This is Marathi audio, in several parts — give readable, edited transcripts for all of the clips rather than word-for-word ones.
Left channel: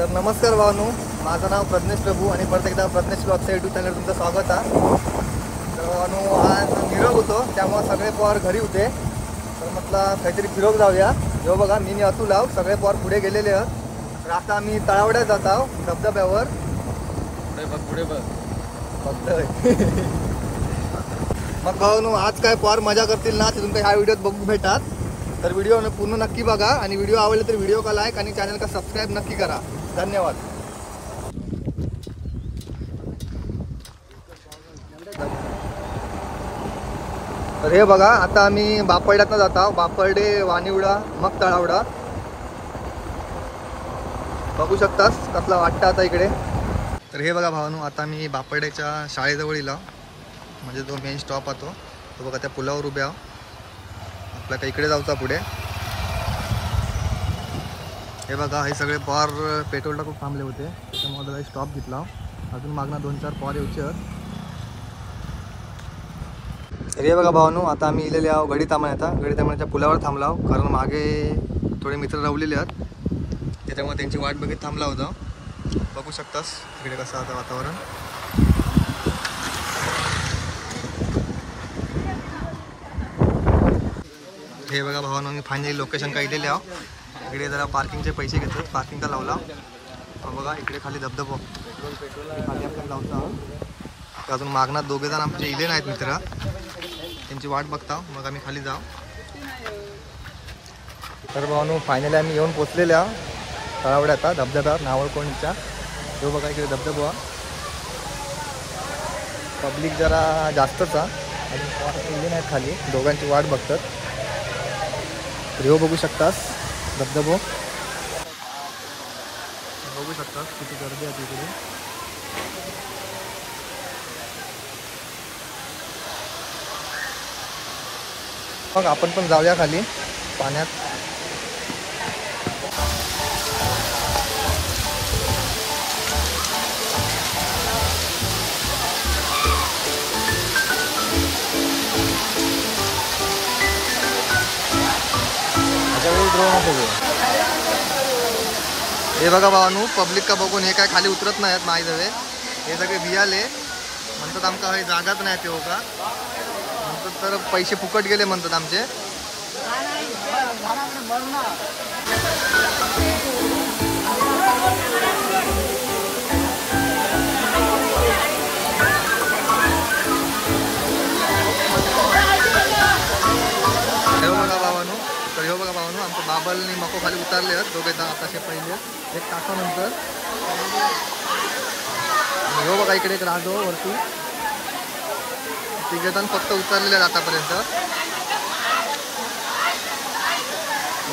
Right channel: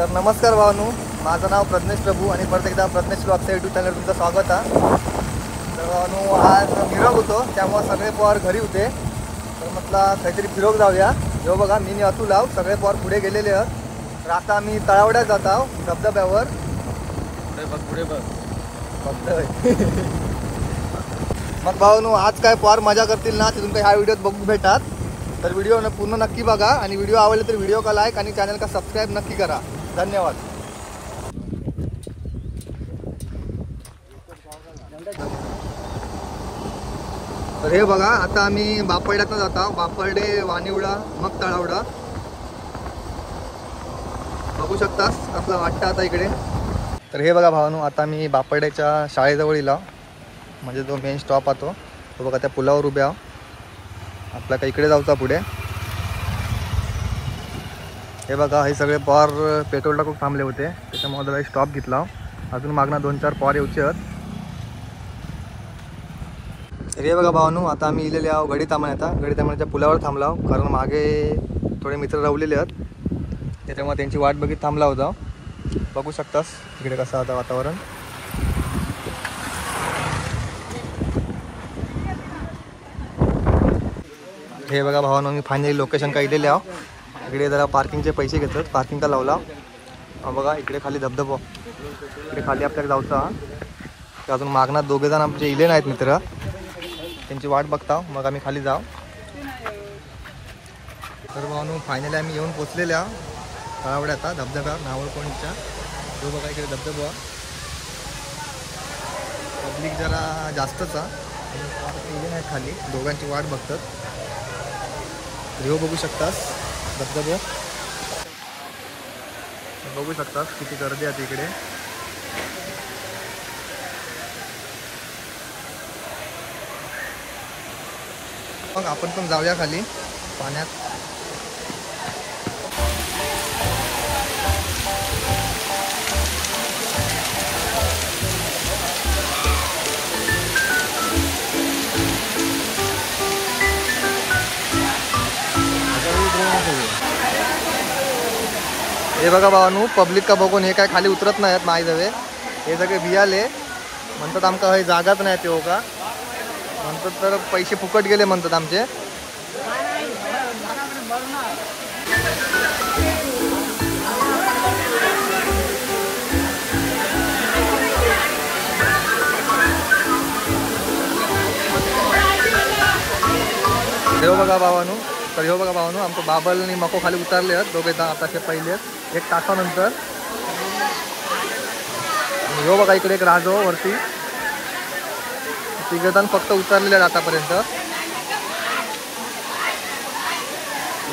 तर नमस्कार भावांनो, माझं नाव प्रज्ञेश प्रभू आणि परत एकदा प्रज्ञेश ब्लॉगच्या यूट्यूब चॅनल तुमचं स्वागत आहे. तर भावांनो, आज निरोग होतो त्यामुळे सगळे पोर घरी होते, तर म्हटलं काहीतरी फिरोग जाऊया. जो बघा मी असू लाव सगळे पोर पुढे गेलेले आहेत. तर आता आम्ही तळावड्यात जात आहोत धबधब्यावर. पुढे बघ मग भावांनो, आज काय पोर मजा करतील ना ते तुमच्या ह्या व्हिडिओत बघू भेटतात. तर व्हिडिओ पूर्ण नक्की बघा आणि व्हिडिओ आवडले तर व्हिडिओ का लाईक आणि चॅनल का सबस्क्राईब नक्की करा. धन्यवाद. तर हे बघा, आता आम्ही बापड्यातनं जात आहोत. बापडे, वानिवडा, मग तळावडा. बघू शकतास कसला वाटतं आता इकडे. तर हे बघा भावांनो, आता मी बापड्याच्या शाळेजवळ इला, म्हणजे जो मेन स्टॉप आहे तो बघा त्या पुलावर उभे आहो. आपल्या काही इकडे जाऊचा पुढे. हे बघा, हे सगळे पॉर पेट्रोलला खूप थांबले होते, त्याच्यामुळे त्याला स्टॉप घेतला. अजून मागणं 2-4 पॉर येऊचे आहेत. तर हे बघा भावांनो, आता आम्ही इलेले आहो गडी तांबण्याच्या पुलावर थांबला आहो, कारण मागे थोडे मित्र रवलेले आहेत, त्याच्यामुळे त्यांची वाट बघित थांबला होता. बघू शकतास इकडे कसं आता वातावरण. हे बघा भावांनो, मी फायनली लोकेशन का इलेले आहो. इकडे जरा पार्किंगचे पैसे घेतात, पार्किंग का लावला. बघा इकडे खाली धबधबा, इकडे खाली आपल्याला जाऊचा. अजून मागणार 2 जण आमचे इले नाहीत मित्र, त्यांची वाट बघता, मग आम्ही खाली जाऊ. तर भावांनो, फायनली आम्ही येऊन पोचलेले आहो तळावड्यात धबधब्यावर नावळकोणच्या. तो बघा इकडे धबधबा. पब्लिक जरा जास्तच आहे, अजून इले नाहीत खाली, दोघांची वाट बघतात. बघू शकतास धबधबो, बघू शकतास किती गर्दी आहे इकडे. मग आपण पण जाऊया खाली पाण्यात. हे बघा भावांनो, पब्लिक का बघून हे काय खाली उतरत नाहीत माझ्याजवळ. हे सगळे भियाले म्हणतात, आमका हे जागाच नाही ते हो का म्हणतात, तर पैसे फुकट गेले म्हणतात आमचे. हे बघा भावांनो, तर हे बघा भावांनो, आमचं बाबल आणि मको खाली उतरले आहेत दोघे आताचे पहिले 1 तासानंतर. हो बघा इकडे एक राजो वरती, 3 जण फक्त उतरलेले आहेत आतापर्यंत.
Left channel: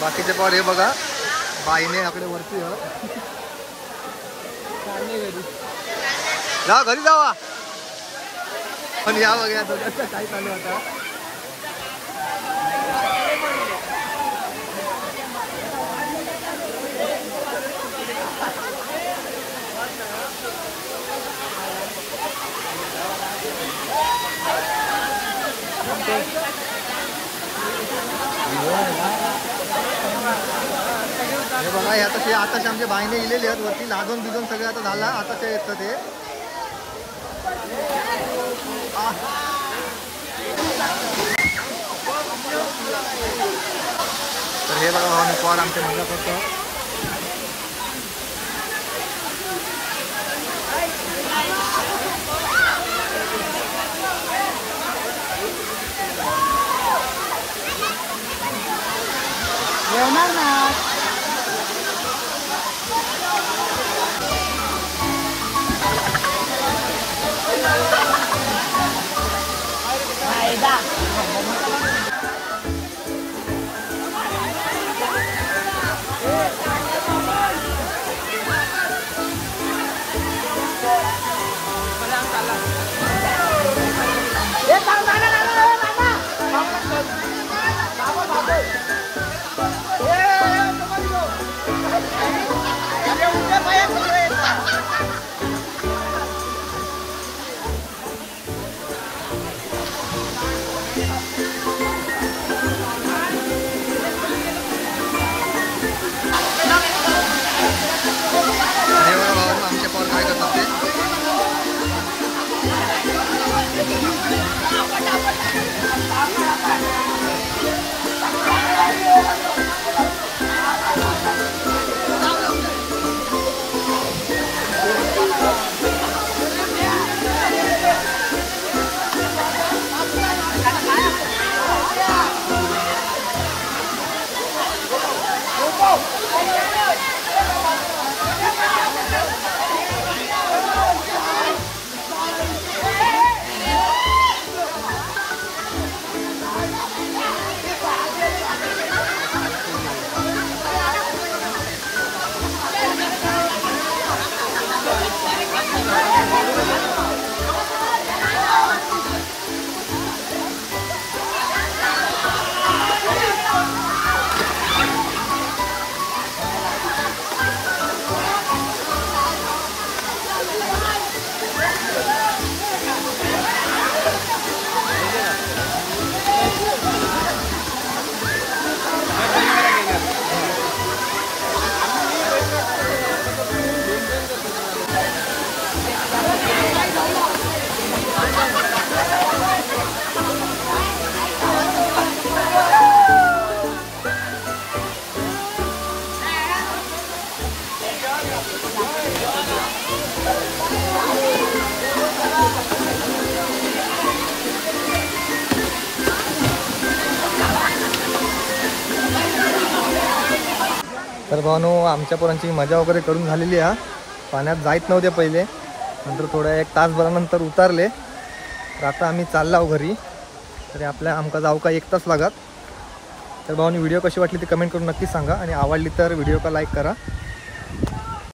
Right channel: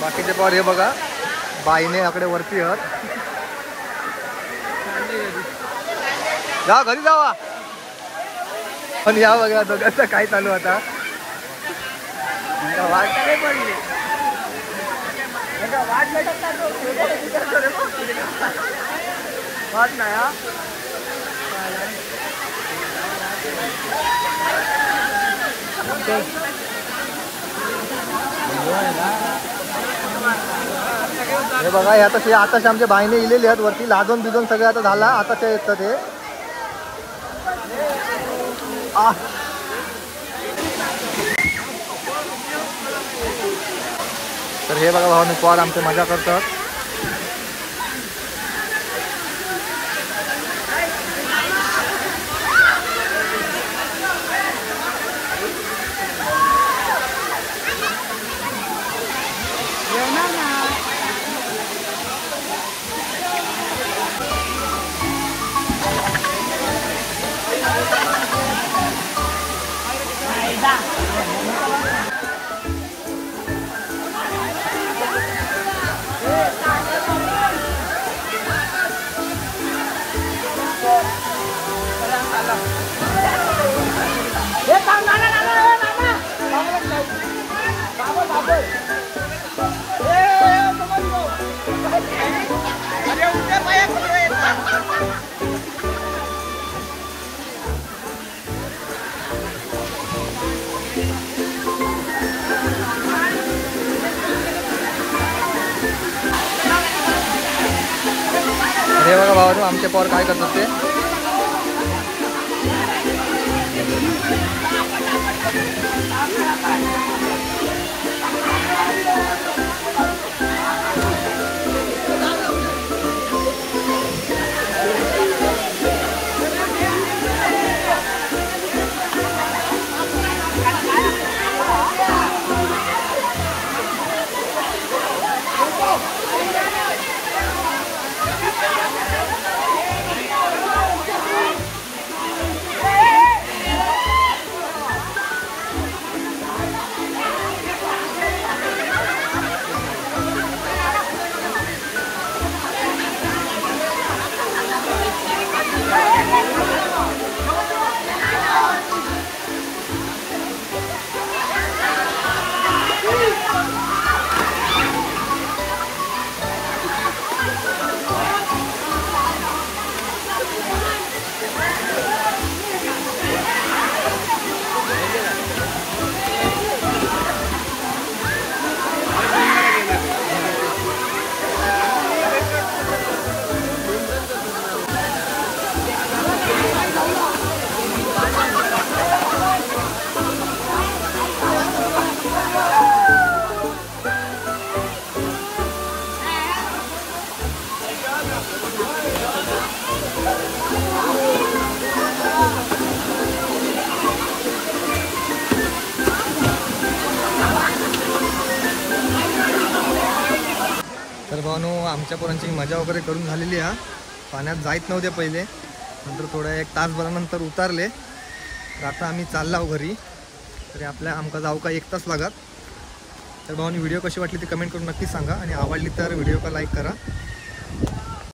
बाकीचे पण हे बघा बाईने आकडे वरती आहेत. जा घरी जावा. पण या बघा दोघांचं काय चालू आता. हे बघा, आताचे आमच्या बाईने इलेले आहेत वरती, लाजून बिजून सगळे आता झाला. आताचे येतात ते. तर हे बघा भावांनी पॉर आमचे मजा करतात. आमचे पोर काय करतात ते. तर भावानो आमच्या पोरांची मजा वगैरे करून झालेली आहे. पाण्यात जायत नव्हते पहिले, नंतर थोड्या 1 तासभरानंतर उतारले. तर आता आम्ही चाललो घरी. तरी आपल्या आमका जाऊ का 1 तास लागत. तर भावानी व्हिडिओ कशी वाटली ती कमेंट करून नक्की सांगा आणि आवडली तर व्हिडिओ का लाईक करा.